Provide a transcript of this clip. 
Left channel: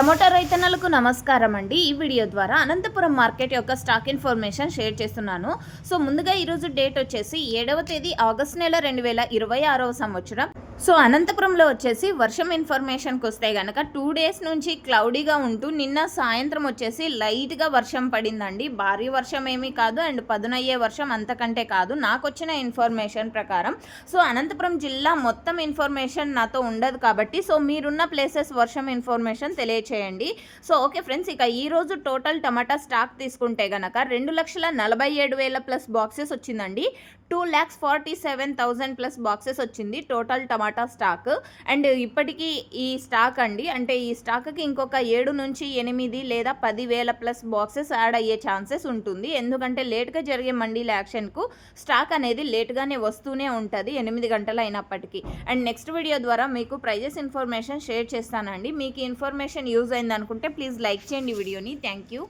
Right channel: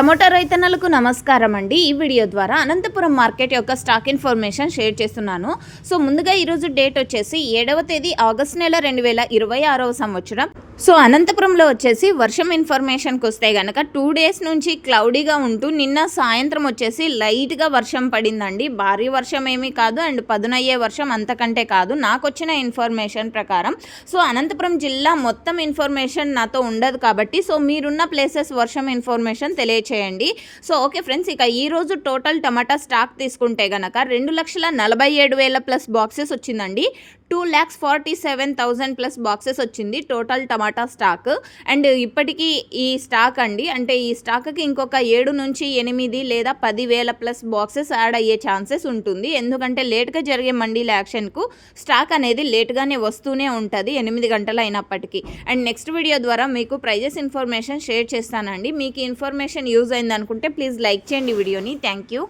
Tomato రైతన్నలకు నమస్కారం అండి. ఈ వీడియో ద్వారా అనంతపురం మార్కెట్ యొక్క స్టాక్ ఇన్ఫర్మేషన్ షేర్ చేస్తున్నాను. సో ముందుగా ఈరోజు డేట్ వచ్చేసి 7వ తేదీ ఆగస్టు నెల 2026వ సంవత్సరం. సో అనంతపురంలో వచ్చేసి వర్షం ఇన్ఫర్మేషన్కి వస్తే కనుక 2 డేస్ నుంచి క్లౌడీగా ఉంటూ నిన్న సాయంత్రం వచ్చేసి లైట్గా వర్షం పడిందండి. భారీ వర్షం ఏమీ కాదు అండ్ పదునయ్యే వర్షం అంతకంటే కాదు నాకు వచ్చిన ఇన్ఫర్మేషన్ ప్రకారం. సో అనంతపురం జిల్లా మొత్తం ఇన్ఫర్మేషన్ నాతో ఉండదు కాబట్టి సో మీరున్న ప్లేసెస్ వర్షం ఇన్ఫర్మేషన్ తెలియచేయండి. సో ఓకే ఫ్రెండ్స్, ఇక ఈరోజు టోటల్ టమాటా స్టాక్ తీసుకుంటే కనుక 2,47,000 ప్లస్ బాక్సెస్ వచ్చిందండి. 2,47,000 ప్లస్ బాక్సెస్ వచ్చింది టోటల్ టమాటా స్టాక్. అండ్ ఇప్పటికీ ఈ స్టాక్ అండి, అంటే ఈ స్టాక్కి ఇంకొక 7 నుంచి 8 లేదా 10,000 ప్లస్ బాక్సెస్ యాడ్ అయ్యే ఛాన్సెస్ ఉంటుంది. ఎందుకంటే లేట్గా జరిగే మండీల యాక్షన్కు స్టాక్ అనేది లేట్గానే వస్తూనే ఉంటుంది 8 గంటలు అయినప్పటికీ. అండ్ నెక్స్ట్ వీడియో ద్వారా మీకు ప్రైజెస్ ఇన్ఫర్మేషన్ షేర్ చేస్తానండి. మీకు ఇన్ఫర్మేషన్ యూజ్ అయింది అనుకుంటే ప్లీజ్ లైక్ చేయండి వీడియోని. Thank you.